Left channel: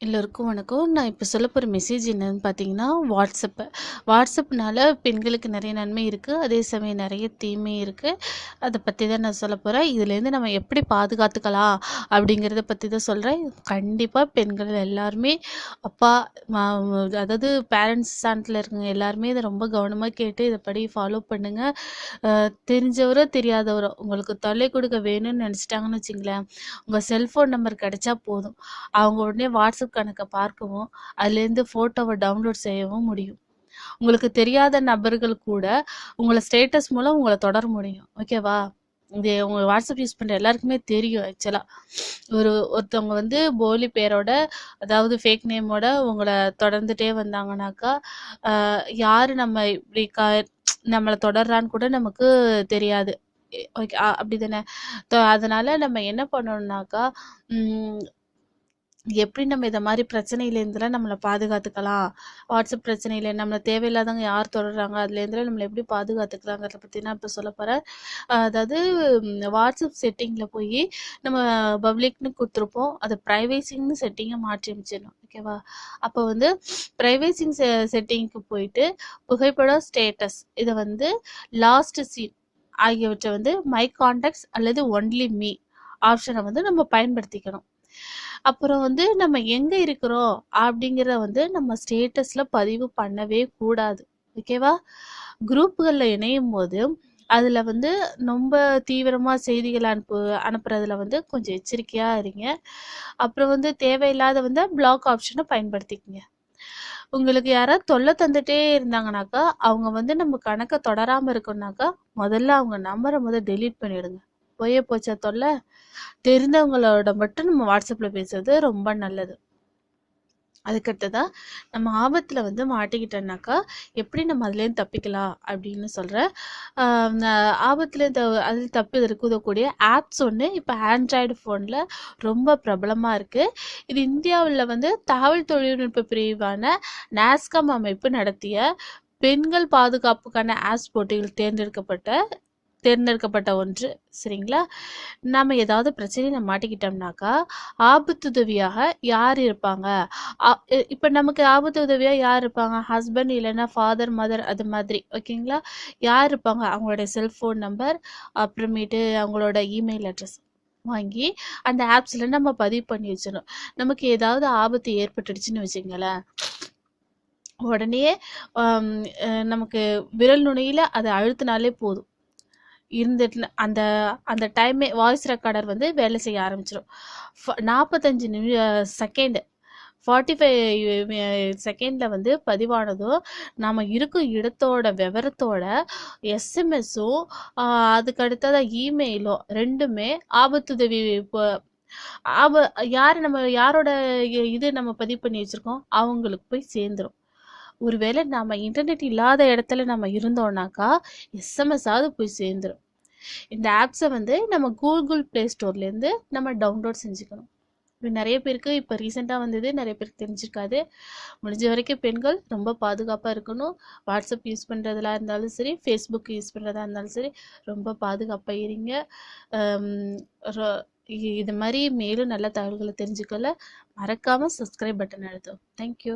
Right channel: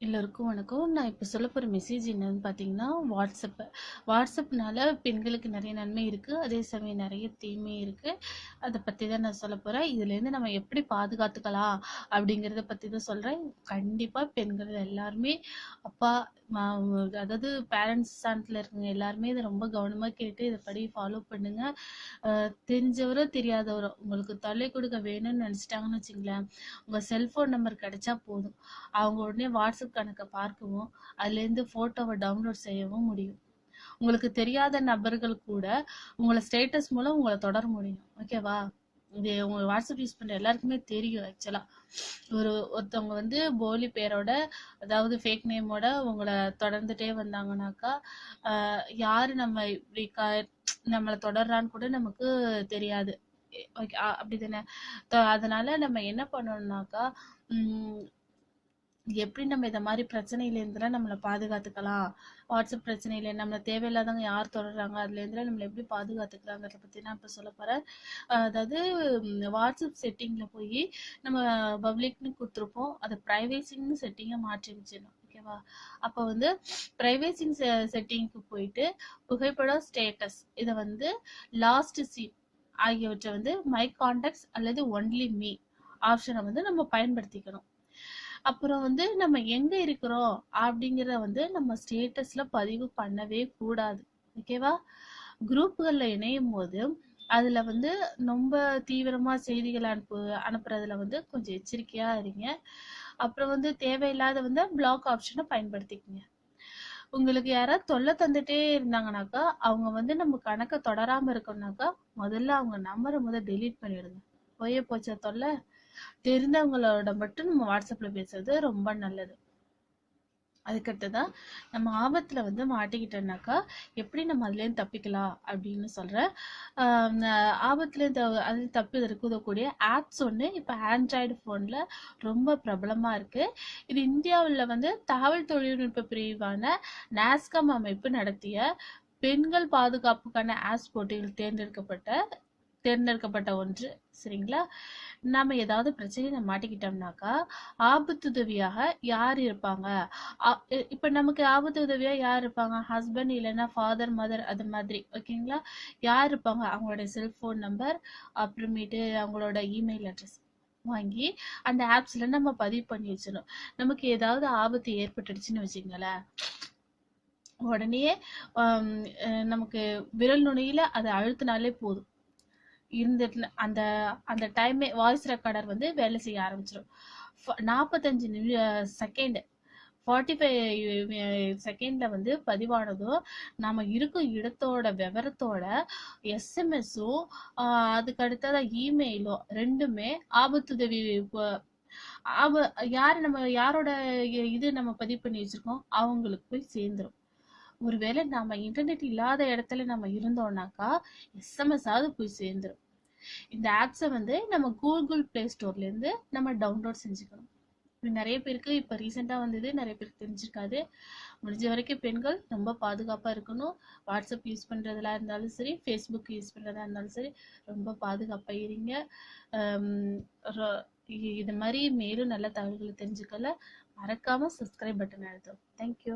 எல்லோருக்கும் வணக்கம். நான் இப்போ சொல்ல போகிற மெசேஜ் என்னன்னு பார்த்தீங்கன்னா, வாட்ஸ்அப்பு வாட்ஸ்அப்னால பெண்களுக்கு நிறைய நன்மை இருக்குது அதே சமயம் நிறைய தீமை இருக்குது அதை பற்றி தான் நான் சொல்ல போகிறேன் இதுலேருந்து நம்ம எப்படி பாதுகாத்துக்கலாம் அப்படிங்கிறத பற்றி தான் சொல்கிறேன் கண்டிப்பாக பெண்கள் எல்லாருமே அப்பா, அதாவது பேரண்ட்ஸ் ஸ்டாண்டில் இருக்கவங்க எல்லாருமே இதை ரொம்ப கவனமாக கேட்டு இதை படி ஃபாலோ பண்ணுங்கள் தெரிஞ்சவரோ, தெரியாதவரோ உங்களுக்கு தொல்லை கொடுக்க வேணும்னு நினச்சிட்டாங்கன்னு வச்சிங்களேன் உங்கள் செல்ஃபோன் நம்பர் கிடைச்சா போதும். அவங்க உடனே வாட்ஸ்அப் கணக்கை பார்க்கவும், அதுலேருந்து ஃபோட்டோவை டவுன்லோட் செய்யவும் முடியும். உங்களுக்கு தெரியாத நபர்கள் கூட உங்களை ஸ்டேட்டஸ் மூலம் உங்களை தொடர முடியும். ஓகேவா? இது உங்க வாட்ஸ்அப் யூஸ் பண்ற எல்லாருக்குமே தெரியும் ஆக்சுவலா. ஒரு ஒருத்தவங்க வந்து போலி பேரோட, அதாவது ஃபேக் நேமோட உங்களை தொடர்ந்துட்டே வந்தாங்கனாக்கா, யார் யாரு நம்ம இப்படி க நம்மளை தொடர்றான்னு கூட நமக்கு தெரியாது. ஓகே அப்படி தானே அதனால நம்ம என்ன பண்ணணும்னாக்கா, எப்படி நம்ம இதை மாதிரி பிரச்சனையிலேருந்துலாம் நம்மளை பாதுகாத்துக்கலாம்? வாட்ஸ்அப் பிரச்சனையில நம்மளை தேவையில்லாதவங்க யார் தொடர்றாங்க, அதுலேருந்துலாம் நம்மளை எப்படி பாதுகாத்துக்கலாங்கிறத பற்றி நான் இப்போ சொல்ல போகிறேன் அதாவது வாட்ஸ்அப் செட்டிங்கில் போய் நம்ம பப்ளிக்னு கொடுத்துருப்போம் அது ப்ரைவேசிங்னு செட்டிங்கை மாற்றி அமைச்சிடணும். ஓகேவா? அப்போ வந்து ப்ரைவேசிங் செ செட்டிங்க்கு போயிட்டு, புகைப்படம், ஸ்டேட்டஸ் இதை வந்து லாஸ்ட் சீன் ஆகியவற்றை வந்து மை கான்டாக்ட்ஸ் அல்லது ஒன்லி மீ ஆப்ஷனை வந்து நம்ம பயன்படுத்திக்கணும். அப்புறம் வந்து நம்ம எங்க இருக்கிறோம் அப்படிங்கிறத வந்து நம்ம ஸ்டேட்டஸ்ல பதிவு பண்ணவே கூடாது. ஓகேவா? குரூப்புகளில் இணையும் போது அதில் வந்து ரொம்ப தீவிரமாக செய்திகள் அனுப்பு அனுப்புறதுல வந்து கொஞ்சம் எச்சரிக்கையாக இருங்க. அப்புறம் வந்து தேவையில்லாத வந்து பிளாக் ஆப்ஷனை பயன்படுத்திக்கங்க. உங்களுக்கு யாராவது தொல்லை தந்துட்டே இருந்தாங்கனாக்கா, அவங்க வந்து நம்ம கணக்கை தொடராமல் இருக்கணும்னாக்கா, முதல்ல அவங்க நம்பரை முதல் டெலீட் பண்ணிவிடுங்க போயே போச்சா தொல்லை தெரிந்தவங்களோட மட்டும் நம்ம வாட்ஸ்அப்ல பேசுறது ரொம்ப நல்லது. அதுக்கடுத்ததா, நம்ம ஆபத்துல வந்து மாட்டிக்கிட்டோம்னாக்கா, எப்படி நம்ம அதுலேருந்து தப்பிக்கலாம் அப்படின்னு சொல்றேன். ஆபத்தில் ஆபத்துல த அதில் தப்பி இருக்கக்கூடிய ஆப்ஸ் ஒண்ணு இப்ப ஆண்ட்ராய்டு ஃபோனில் ரொம்ப பிரபலமா இருக்கு. இது இந்தியாவுல வந்து தகவல் தொழில்நுட்ப பிரிவான நாஸ்காம் அமைப்பு நடத்திய பெண்கள் பாதுகாப்புக்கான ஆப்ஸ் போட்டியில் தேர்ந்தெடுக்கப்பட்ட தேர்ந்தெடுக்கப்பட்ட ஒன்று. சரிங்களா? நம்ம ஏதாவது பிரச்சனையில் மாட்டிக்கிட்டோம்னாக்கா, ஆபத்துதவியாக யார் இருப்பாங்க? இப்போ இ நமக்கு ஆபத்து உதவியாக யார் இருப்பாங்க? ஹஸ்பண்ட் இல்லைன்னா ஃபாதர், மதர் அது மாதிரி. ஓகேங்களா? யார் இருப்பாங்க? அவங்களோட செல்ஃபோன் நம்பர், அப்புறமேட்டு அவங்களோட இமெயில் அட்ரஸ் வாங்கி அந்த ஆப்ஸ்ல நம்ம பதிவு பண்ணி வச்சிடணும். நமக்கு ஏதாவது ஆபத்து ஏற்பட்டுடுச்சுன்னு வச்சுங்களேன் உடனே நமக்கு விரல் நுனியில் அதை அழுத்துனாலே போதும். இருந்துட்டு அந்த அந்த டைமே வாய்ஸ் ரெக்கார்டர் வந்து வேலை செய்ய ஆரம்பிச்சிடும் ஃப 45 செகண்டு செகண்ட் 45 செகண்ட்ல வந்து பதிவானதும், நம்ம இருக்கும் இடத்தோட விவரத்தோட எஸ்எம்எஸும், அதுக்கடுத்ததாக அதுக்கு இமெயிலும் ரெண்டுமே ஆபத்துதவி இப்போ ஆப யார் நம்ம யாரோட இது நம்ம பதிவு பண்ணி வச்சிருக்கோம்? அவங்களுக்கு போய் சேர்ந்துரும். ஒருவேளை நாம இன்டர்நெட் இல்லாத இடத்துல நம்ம இருந்தோம்னாக்கா, எஸ்எம்எஸ்ஸாவது போய் சேர்ந்துரும். இந்த ஆப்ஸை வந்து நம்ம கூகுள் ப்ளே ஸ்டோர்லேருந்து நம்ம டவுன்லோட் செஞ்சுக்கணும். இது நிறைய பேருக்கு இப்போ ரீசெண்டாக வந்தது. நிறைய பேருக்கு தெரிஞ்சிருக்காது. முடிஞ்ச வரைக்கும் பெண்கள் ரொம்ப பாதுகாப்பாக இருக்கணும். வாட்ஸ்அப் யூஸ் பண்றதுலா இருந்தாலும் சரி, ஃபேஸ்புக் யூஸ் பண்ணுறதா இருந்தாலும் சரி, ரொம்ப பாதுகாப்பாக இருங்க. இது மாதிரி மேலும் நல்ல தகவல்களை தெரிஞ்சுக்கல மறக்காமல் சப்ஸ்கிரைப் பட்டன் அழுத்தவும். Thank you.